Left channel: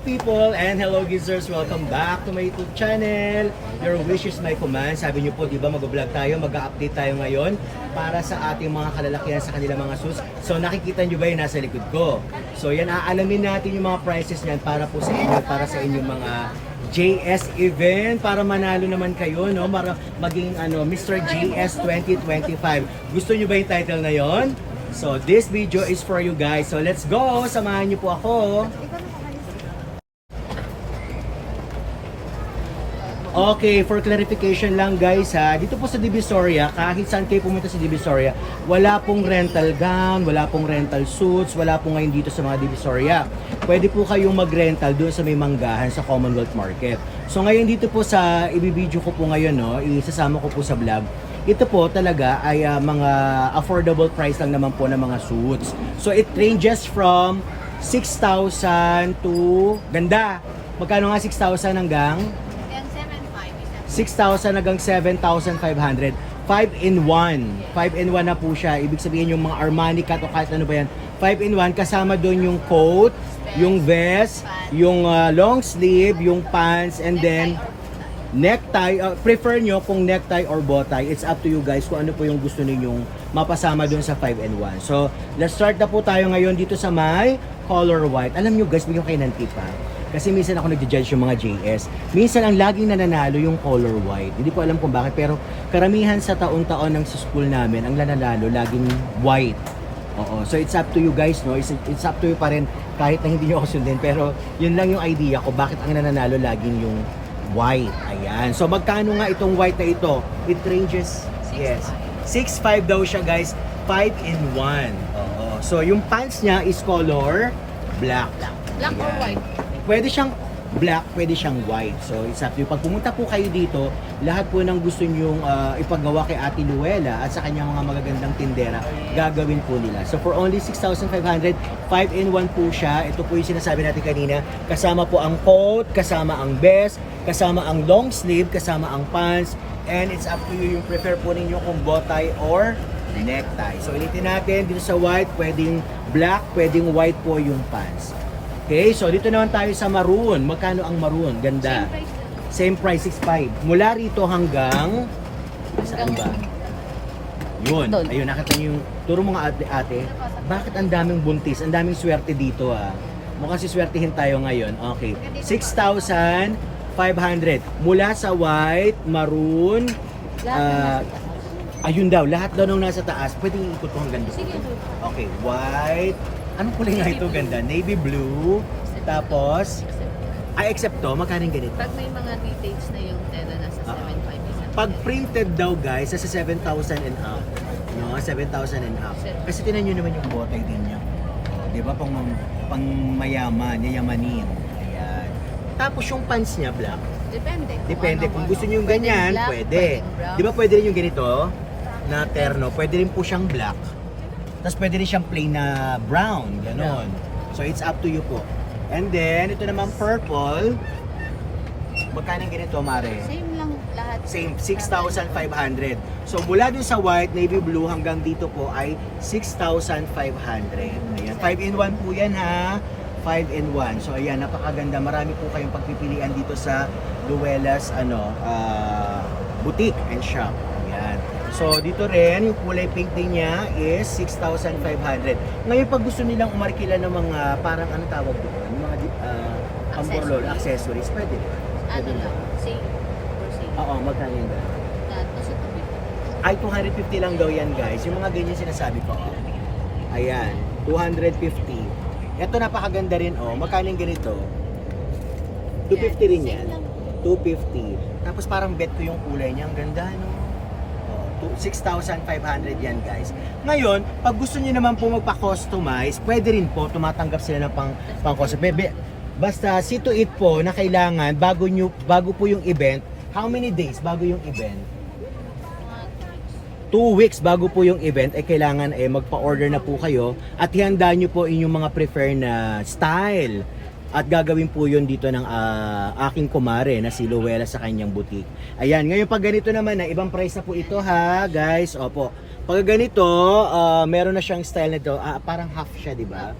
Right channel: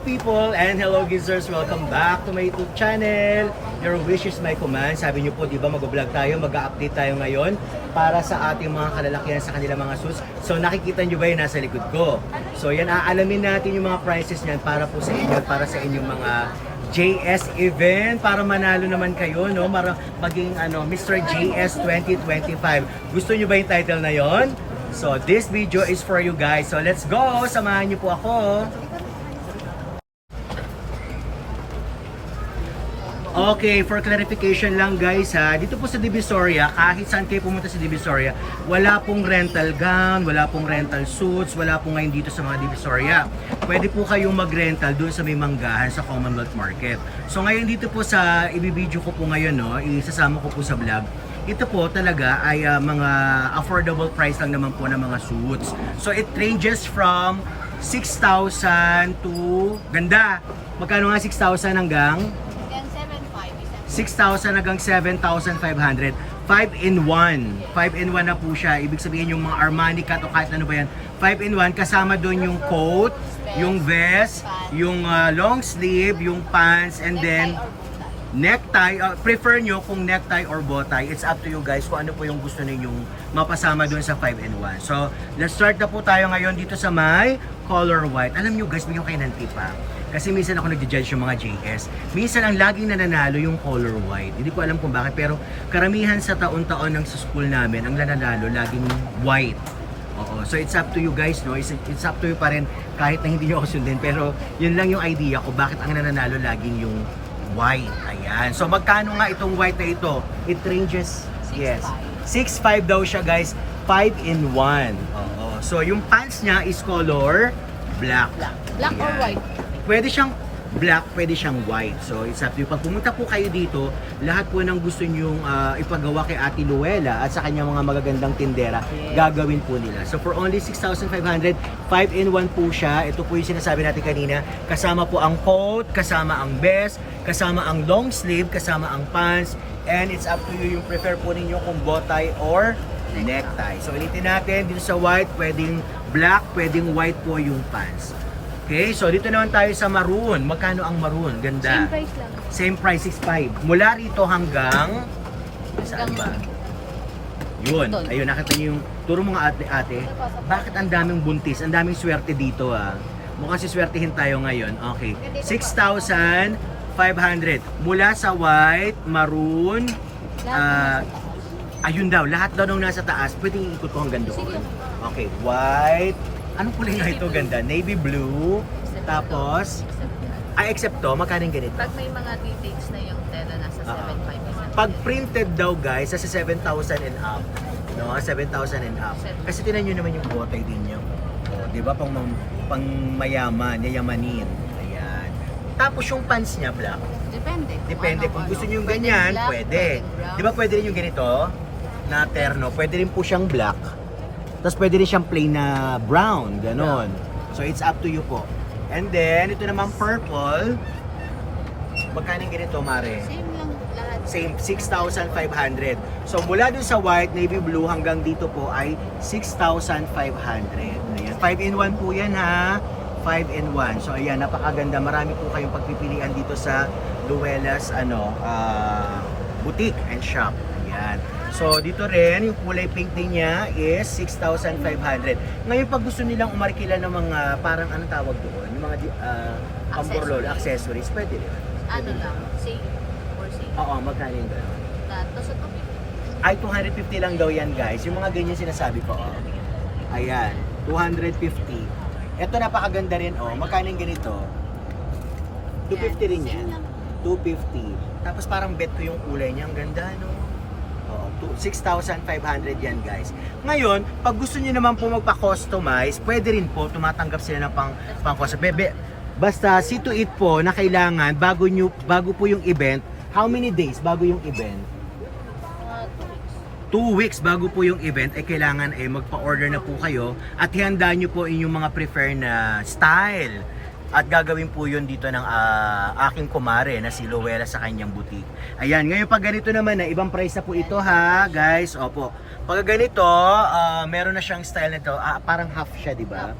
people and hello gizers! Welcome back to my YouTube channel. Your wish is my command. Sabi niyo po, di ba, mag-vlog tayo, mag-update tayo ngayon para sa ating mga kalalakihan sa kanilang mga suits. So nakikita niyo ba yung nasa likod ko? So yan, aalamin natin yung mga prices niyan para po sa inyo, para sa inyong mga JS event, para manalo naman kayo, no? Para maging Mr. JS 2025. Gusto niyo ba yung title na yon? So this video is for you guys. So let's go! Samahan niyo po ako. Okay, for clarification lang guys ha, dito po sa Divisoria, kahit saan kayo pumunta sa Divisoria, wala pong rental gown, wala pong rental suits, wala pong ngayon dito sa mga Divisoria. Pwede po kayong mag-rental doon sa may manggahan sa Commonwealth Market. So ngayon dito po sa ibibideo ko po ngayon, no, isasama ko po sa vlog. Ito po talaga ay mga affordable price lang naman po ng mga suits. So it ranges from 6,000 to, ganda, magkano nga 6,000 hanggang? 6,000 hanggang 7,500. 5-in-1. 5-in-1 na po siya. Ibig sabihin yung mga Armani cut o kahit ano ba yan. 5-in-1 kasama doon yung coat, yung vest, yung long sleeve, yung pants, and then necktie. Prefer nyo kung necktie or bow tie. It's up to you guys kung ano po yung gusto ninyong mapasama doon sa 5-in-1. So, let's start na po tayo ngayon dito sa may color white. Alam nyo guys, bigyan kayo ng tip ha. Kasi minsan ako nagja-judge yung mga JS. Minsan ang laging nananalo yung color white. Hindi ko alam kung bakit, pero karamihan sa taon-taon ng sa school namin, ang nananalo laging white. Oo. So it's up to you guys, no? It's up to you pa rin kahit na hindi nyo ako sundin. Pero yun lang yung idea ko, bakit ang nananalo laging yung white. Ayan. So magkano nga itong white na ito? It ranges, yes, 6.5 daw siya guys. 5-in-1. Oo. So yung pants niya is color black. Black or white? Pwede siyang black, pwede siyang white. So, it's up to you. Pag pumunta po kayo dito, lahat po ng gusto nyong ipagawa kay Ate Luella at sa kanyang mga magagandang tindera, gagawin po nila. So, for only 6,500, 5-in-1 po siya. Ito po yung sinasabi natin kanina. Kasama po ang coat, kasama ang vest, kasama ang long sleeve, kasama ang pants, and it's up to you yung prefer po ninyo kung bow tie or necktie. So, ulitin natin, dito sa white, pwedeng black, pwedeng white po yung pants. Okay, so dito naman tayo sa maroon. Magkano ang maroon? Ganda. Same price lang. Same price, 6.5. Mula rito hanggang saan ba? Yun. Ayun, nakita niyo yung turo mga ate-ate. Bakit ang daming buntis? Ang daming swerte dito ah. Mukhang siswertihin tayo ngayon. Okay. 6,500. Mula sa white, maroon, ayun daw, lahat daw nung nasa taas, pwedeng ikot ko hanggang doon. Okay, white. Anong kulay nga ito? Ganda. Navy blue. Tapos, except to, magkano ganito? Pag may mga details na yung tela, nasa 7.5. Pag printed daw guys, nasa 7,000 and up. No, 7,000 and up. Kasi tinan nyo naman yung botay din nyo. O, di ba? Pang mayaman, yayamanin. Ayan. Tapos yung pants niya, black. Depende. Depende. Kung gusto nyo yung ganyan, pwede. Di ba pwede rin yung ganito? Na terno. Pwede rin po siyang black. Tapos pwede rin siyang plain na brown, ganon. So it's up to you po. And then, ito naman purple. Magkano yung ganito, Mare? Same lang lahat. Same, 6,500. So mula dun sa white, navy blue hanggang dito po ay 6,500. Ayan, 5-in-1 po yan ha. 5-in-1. So ayan, napakaganda. Marami po kayong pagpipilian dito sa Luella's boutique and shop. Ayan. So dito rin, yung kulay pink din niya is 6,500. Ngayon pag gusto nilang umarkila ng mga parang anong tawag doon, yung mga pamborlolo, accessories, pwede rin. Ano lang, same or same. Oo, magkano yung gano'n? Tapos ito, Ay, 250 lang daw yan guys. Yung mga ganyan sinasabi ko. Oh. Ayan, 250. Ito napakaganda rin. Oh. Magkano yung ganito? 250 rin yan. 250. Tapos parang bet ko yung kulay niya. Ang ganda, no? Oh, 6,500 yan guys. Ngayon, pag gusto niyo naman po magpa-customize, pwede rin po. Tumatanggap sila ng pang-customize. Basta see to it po na kailangan bago po yung event. How many days bago yung event? 2 weeks bago po yung event ay kailangan magpa-order na po kayo at ihanda nyo po inyong mga prefer na style at gagawin po yun dito ng aking kumare na si Luella sa kanyang boutique. Ayan, ngayon pag ganito naman na ibang price na po ito ha guys. Opo, pag ganito meron na siyang style nito, parang half siya, di ba?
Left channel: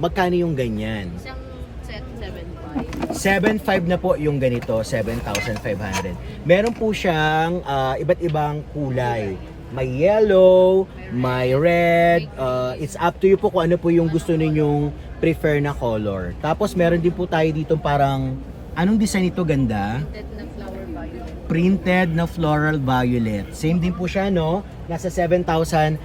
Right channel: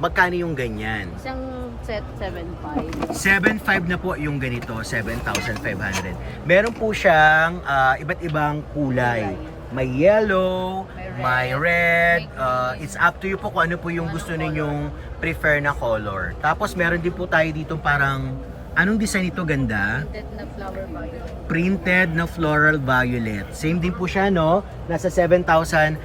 Magkano yung ganyan? isang set 7.5. 7.5 na po yung ganito, 7,500. Meron po siyang iba't ibang kulay. May yellow, may red, it's up to you po kung ano po yung gusto ninyong prefer na color. Tapos meron din po tayo dito parang, anong design ito, ganda? Set na flower violet. Printed na floral violet. Same din po siya, no? Nasa 7,500.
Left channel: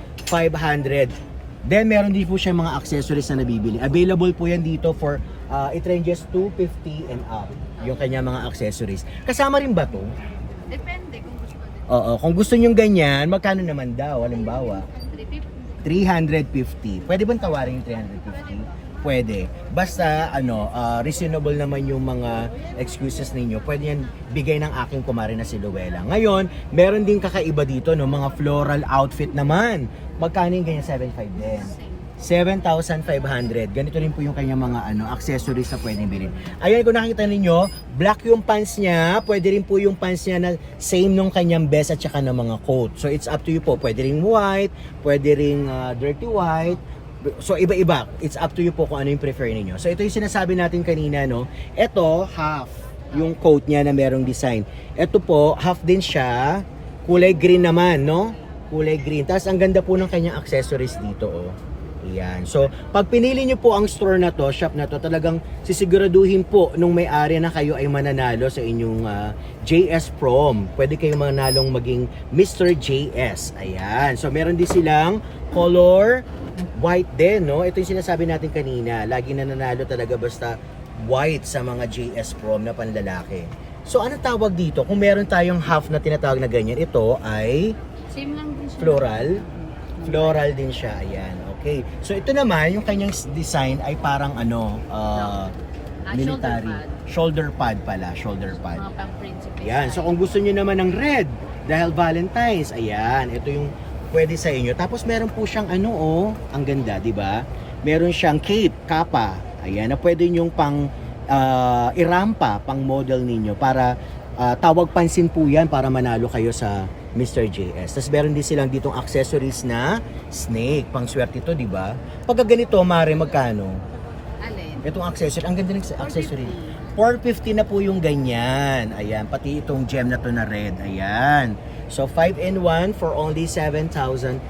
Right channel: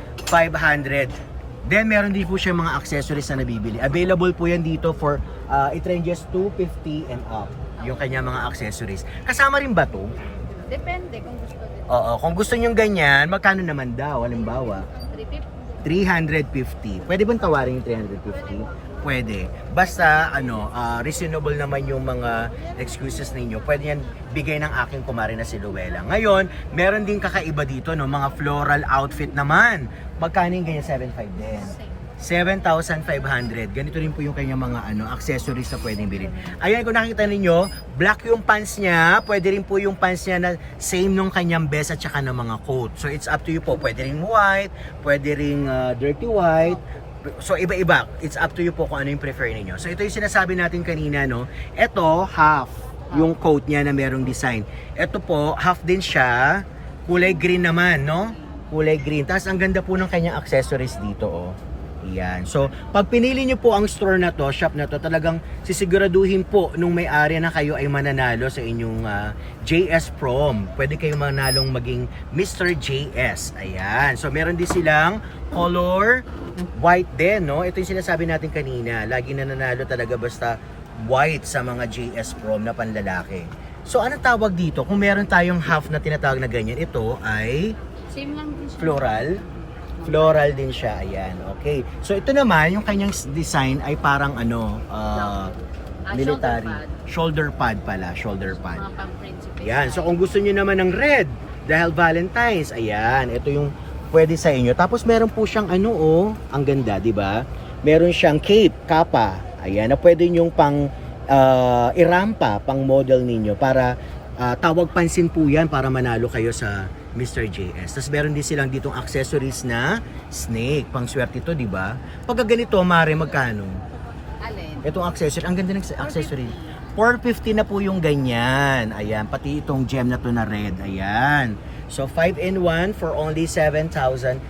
Then meron din po siya mga accessories na nabibili. Available po yan dito for it ranges 250 and up. Yung kanya mga accessories. Kasama rin ba to? Depende kung gusto nyo. Oo, kung gusto nyo ganyan, magkano naman daw? Halimbawa, 350. 350. Pwede bang tawarin yung 350? Pwede. Basta reasonable naman yung mga excuses ninyo. Pwede yan bigay ng aking kumare na si Luella. Ngayon, meron din kakaiba dito, no, mga floral outfit naman. Magkano yung ganyan? 7.5 din. 7,500. Ganito rin po yung kanyang mga accessories na pwedeng bilhin. Ayan, kung nakita ninyo, black yung pants niya. Pwede rin po yung pants niya na same nung kanyang vest at saka ng mga coat. So it's up to you po. Pwede ring white, pwede ring dirty white. So iba-iba. It's up to you po kung ano yung prefer niyo. So ito yung sinasabi natin kanina, no. Ito half yung coat niya na merong design. Ito po half din siya. Kulay green naman, no. Kulay green. Tapos ang ganda po ng kanyang accessories dito, oh. Ayan. So, pag pinili nyo po ang store na to, shop na to, talagang sisiguraduhin po nung may-ari na kayo ay mananalo sa inyong JS Prom. Pwede kayong manalong maging Mr. JS. Ayan. So, meron din silang color white din, no? Ito yung sinasabi natin kanina. Lagi nananalo talaga basta white sa mga JS Prom na panlalaki. So, ano tawag dito? Kung meron tayong half na tinatawag na ganyan, ito ay Same lang din siya. floral din siya, ayan, okay. So ito naman, yung kanyang design ay parang military. Shoulder pad pala, shoulder pad. Mga pang-principal. Ayan, so kung gusto niyo naman ng red, dahil Valentine's, ayan, ito yung pwede sa inyo. Tapos meron po siyang ang ganda, di ba? Meron siyang cape, kapa, ayan, na pwede nyong pang irampa, pang model ninyo para tawag pansin po yan para manalo kayo sa Mr. JS. Tapos meron din silang ditong accessories na snake. Pang swerte ito, di ba? Pagka ganito, mare, magkano? Alin? Itong accessory. Ang ganda ng accessory. 450 na po yung ganyan. Ayan. Pati itong gem na to na red. Ayan. So, 5-in-1 for only 7,500.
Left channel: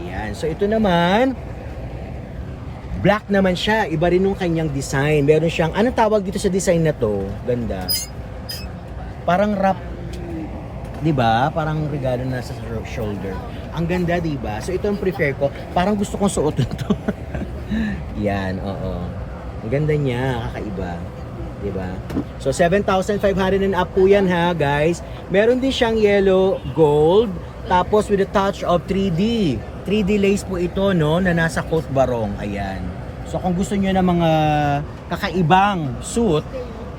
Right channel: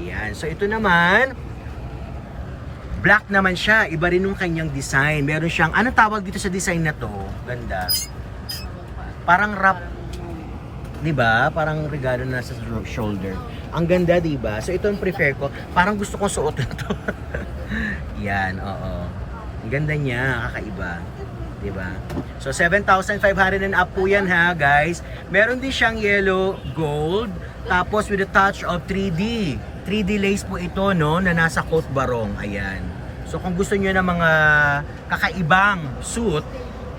Ayan. So, ito naman, black naman siya. Iba rin yung kanyang design. Meron siyang, anong tawag dito sa design na to? Ganda. Parang wrap, 'di ba? Parang regalo na sa shoulder. Ang ganda, 'di ba? So ito ang prefer ko. Parang gusto kong suotin to. Yan, oo. Ang ganda niya, kakaiba. 'Di ba? So 7,500 and up po 'yan, ha, guys. Meron din siyang yellow gold, tapos with a touch of 3D. 3D lace po ito, no, na nasa coat barong. Ayan. So kung gusto niyo ng mga kakaibang suit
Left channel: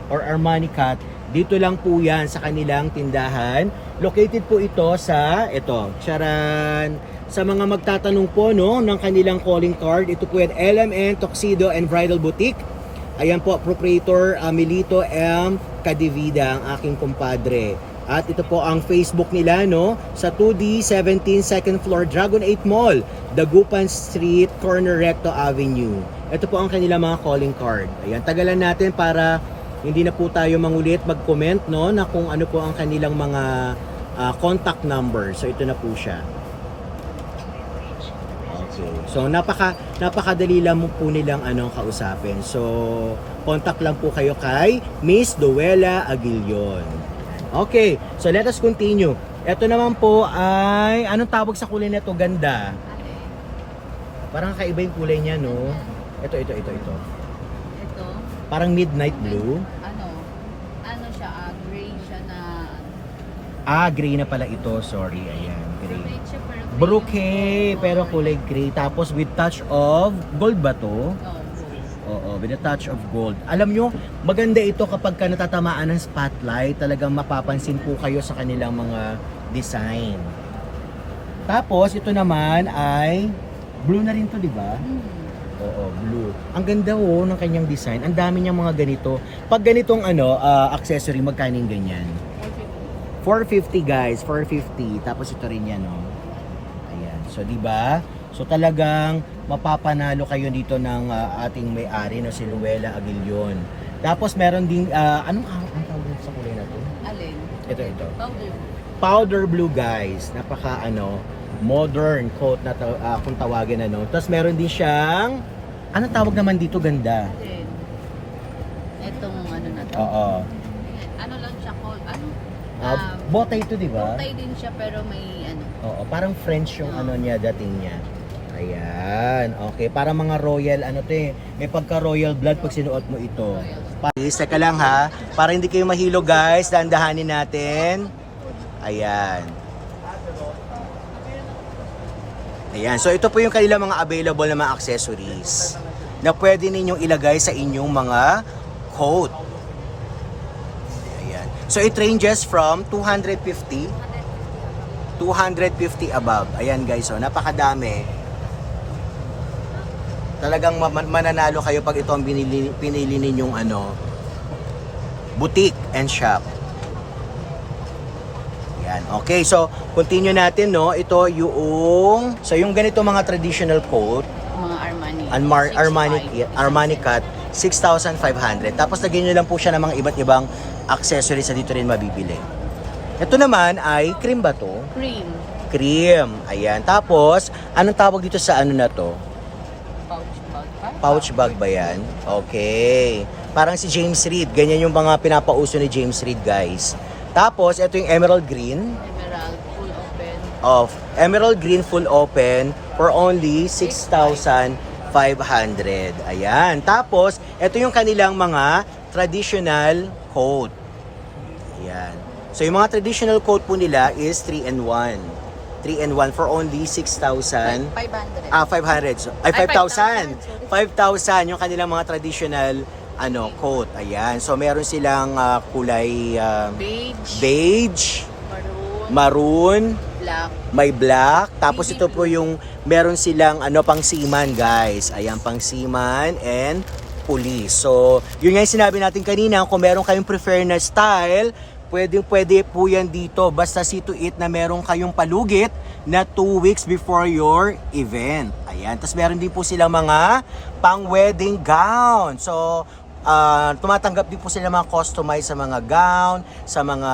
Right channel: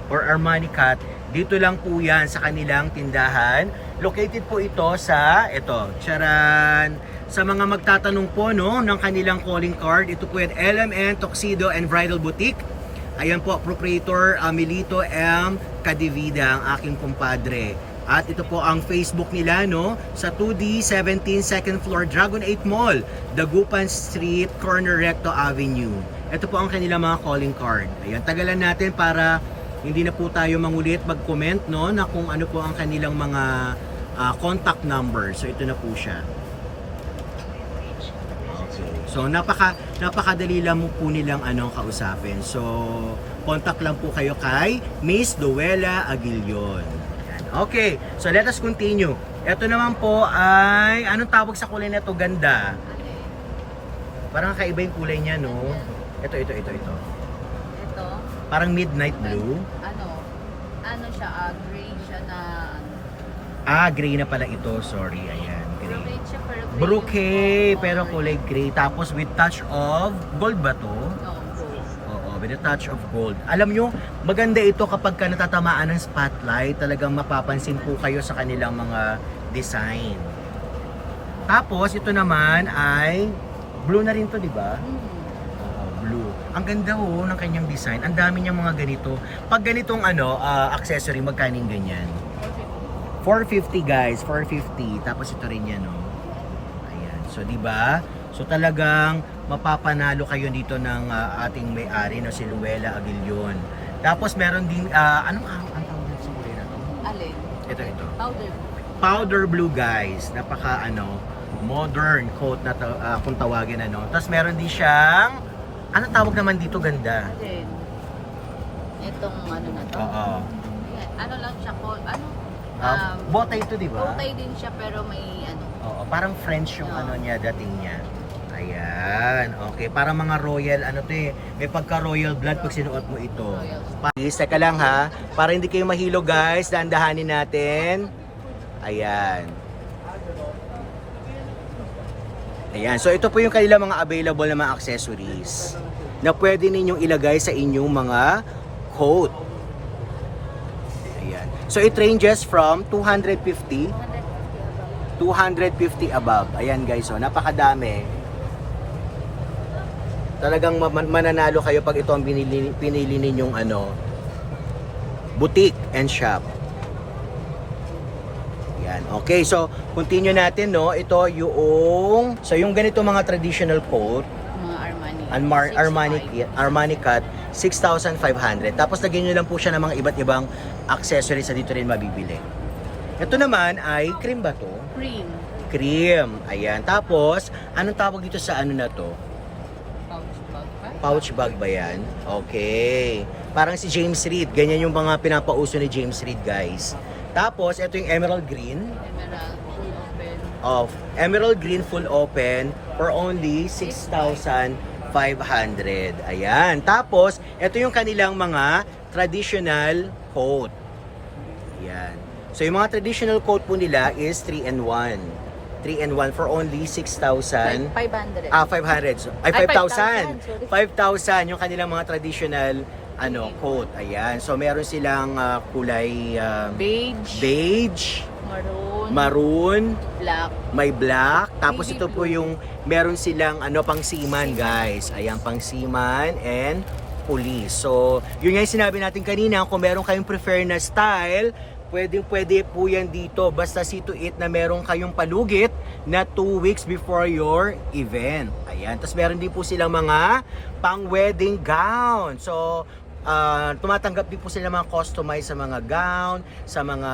or Armani cut, dito lang po yan sa kanilang tindahan. Located po ito sa, charan, sa mga magtatanong po, no, ng kanilang calling card. Ito po yan, LMN Tuxedo and Bridal Boutique. Ayan po, proprietor Milito M. Cadivida, ang aking kumpadre. At ito po ang Facebook nila, no, sa 2D 17 second floor Dragon 8 Mall, Dagupan Street, corner Recto Avenue. Ito po ang kanilang mga calling card. Ayan, tagalan natin para hindi na po tayo mangulit mag-comment, no, na kung ano po ang kanilang mga contact number. So ito na po siya. Okay. So napakadali lang po nilang kausapin. So contact lang po kayo kay Miss Luella Aguilion. Okay. So let us continue. Ito naman po ay anong tawag sa kulay na to? Ganda. Parang kakaiba yung kulay niya, no? Ito. Ito. Parang midnight blue. Ano siya, gray siya na... Gray na pala ito. Sorry, ayan, gray. Red siya pero gray. Brocade, pero kulay gray. Tapos with touch of gold ba to? Oo, with a touch of gold. Alam nyo, maganda ito kapag ka natatamaan ng spotlight. Talagang mapapansin po kayo sa kanilang mga design. Tapos, ito naman ay blue na rin to, di ba? Oo, blue. Ang ganda ng kanyang design. Ang dami niyang mga ganito. Pag ganitong accessory, magkaning ganyan? 450 guys, 450. Tapos ito rin yan, no. Ayan. So, 'di ba? So talagang mapapanalo kayo dito ng ating may-ari na si Luella Aguilion. Tapos meron din, anong ang tawag dito sa kulay na to? Alin? Ito. Powder. Powder blue guys. Napaka modern coat na kung tawagin Tapos meron din siyang, anong tawag naman dito ganda? Alin? Itong ano na to. Oo. Ano lang siya po, Bote ito, di ba? bokeh din siya pero may ano. Oo, parang French yung niya, dating niya. Ayan, okay. Parang mga royal, may pagka-royal blood pag sinuot mo ito. Please, teka lang ha. Para hindi kayo mahilo guys, dahan-dahanin natin. Ayan. Ayan, so ito po yung kanilang mga available na mga accessories na pwede ninyong ilagay sa inyong mga coat. Ayan. So it ranges from 250 above. Ayan guys, so napakadami. Talagang mananalo kayo pag ito ang pinili ninyong boutique and shop. Yan. Okay, so continue natin Ito yung ganito mga traditional coat, Mga Armani cut, 6,500. Tapos lagyan nyo lang po siya ng mga iba't ibang accessories na dito rin mabibili. Ito naman ay cream ba to? Cream. Cream. Ayan. Tapos, anong tawag dito sa na to? Pouch bag ba yan? Okay. Parang si James Reid. Ganyan yung mga pinapauso ni James Reid, guys. Tapos, ito yung emerald green. Emerald green full open for only 6,500. Ayan. Tapos, ito yung kanilang mga traditional coat. Ayan. So, yung mga traditional coat po nila is 3-in-1. 3-in-1 for only 6,500. 500. So, ay, 5,000. 5,000 yung kanilang mga traditional coat. Ayan. So, meron silang kulay beige, maroon, may black. Tapos ito po yung meron silang pang seaman, guys. Ayan, pang seaman and police. So, yun nga yung sinabi natin kanina, kung meron kayong prefer na style, pwede po yan dito. Basta see to it na meron kayong palugit na 2 weeks before your event. Ayan. Tapos meron din po silang mga pang-wedding gown. So, tumatanggap din po sila mga customized sa mga gown, sa mga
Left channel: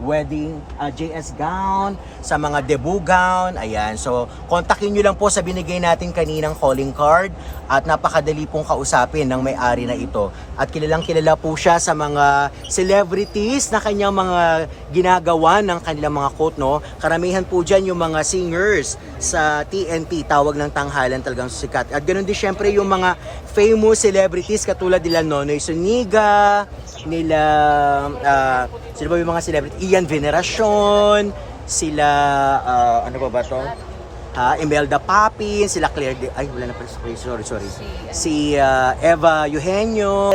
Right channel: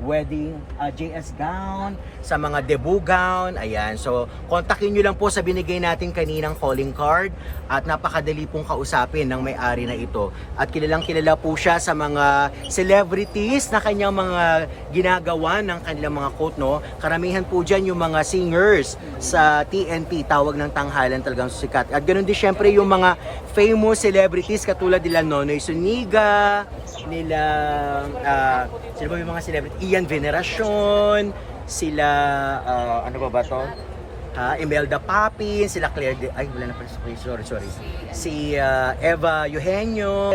wedding JS gown, sa mga debut gown. Ayan. So, kontakin nyo lang po sa binigay natin kaninang calling card at napakadali pong kausapin ng may-ari na ito. At kilalang kilala po siya sa mga celebrities na kanyang mga ginagawa ng kanilang mga coat, Karamihan po dyan yung mga singers sa TNT, tawag ng tanghalan, talagang sikat. At ganoon din syempre yung mga famous celebrities katulad nila Nonoy Zuniga, nila sino ba yung mga celebrity? Ian Veneracion, sila ano ba to? Imelda Papin, sila Claire wala na pala, sorry. Si Eva Eugenio,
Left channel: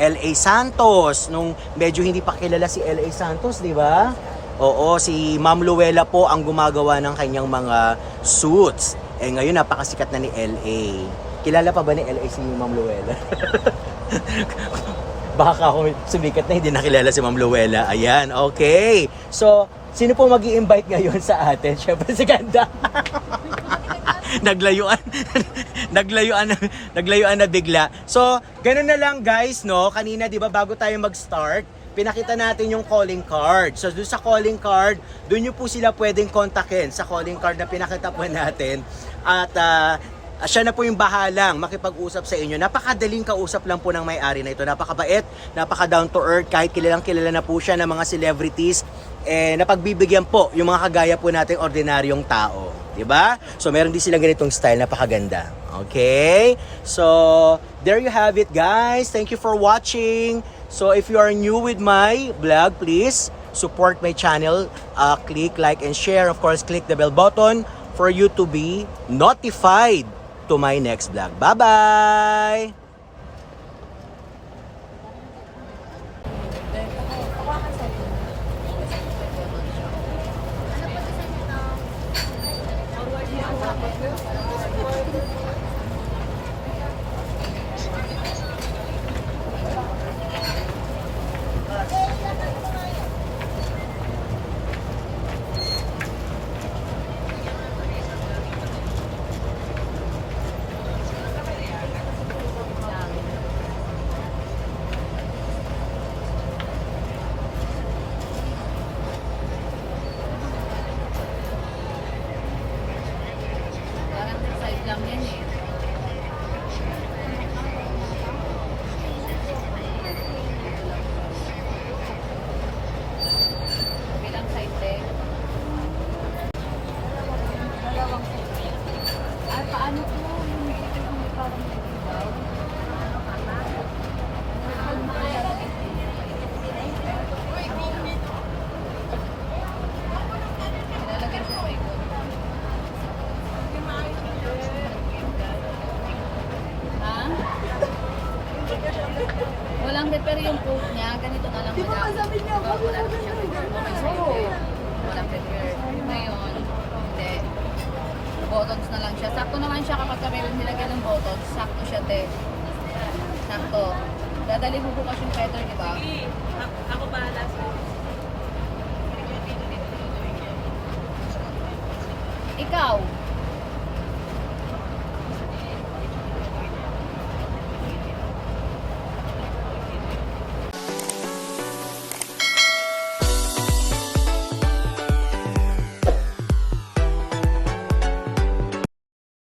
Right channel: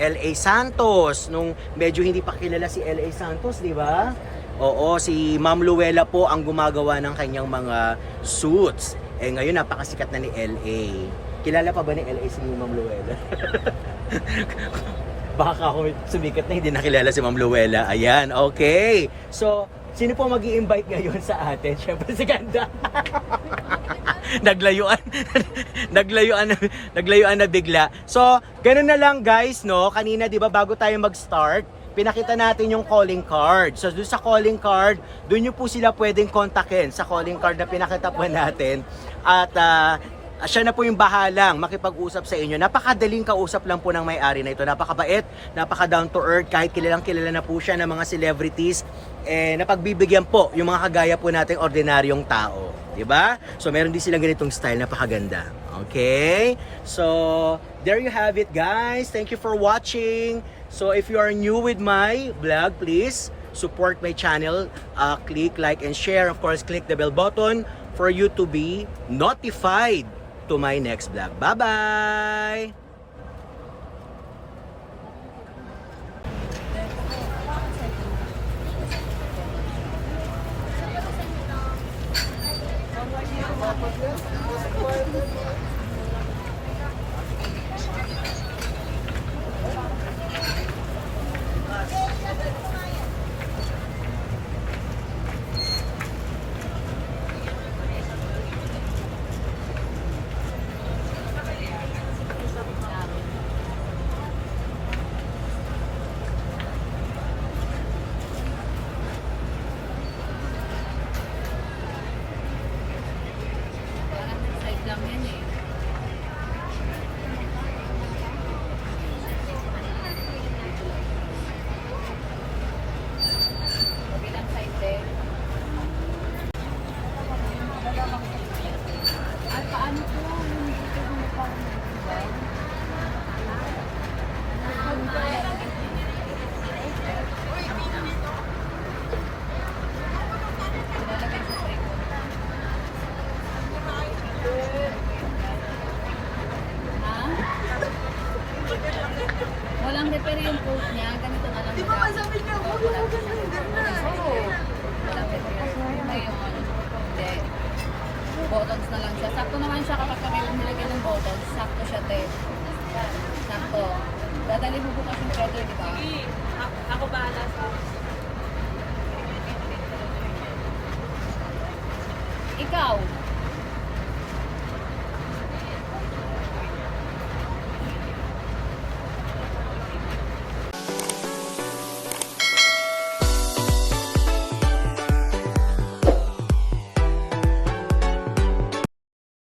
L.A. Santos, nung medyo hindi pa kilala si L.A. Santos, di ba? Oo, si Ma'am Luella po ang gumagawa ng kanyang mga suits. Ngayon napakasikat na ni L.A. Kilala pa ba ni L.A. si Ma'am Luella? Baka ako sumikat na hindi nakilala si Ma'am Luella. Ayan, okay. So, sino po mag-i-invite ngayon sa atin? Siyempre si Ganda. Naglayuan na bigla. So, ganun na lang guys, Kanina, 'di ba, bago tayo mag-start, pinakita natin yung calling card. So, doon sa calling card, doon niyo po sila pwedeng kontakin sa calling card na pinakita po natin. At siya na po yung bahalang makipag-usap sa inyo. Napakadaling kausap lang po ng may-ari na ito. Napakabait, napaka down to earth, kahit kilalang kilala na po siya ng mga celebrities. Napagbibigyan po yung mga kagaya po nating ordinaryong tao. Diba? So, meron din silang ganitong style, napakaganda. Okay? So, there you have it, guys. Thank you for watching. So, if you are new with my vlog, please support my channel. Click like and share. Of course, click the bell button for you to be notified to my next vlog. Bye-bye! yung coat niya, ganito na lang madam. Diba, wala na siyang header. Okay sa'yo eh. Walang header. Ngayon, hindi. Buttons na lang siya. Sakto naman siya kapag kami nilagay ng buttons. Sakto siya, te. Sakto. Dadali mo bukas yung feather, di ba? Ako bahala sa Ikaw,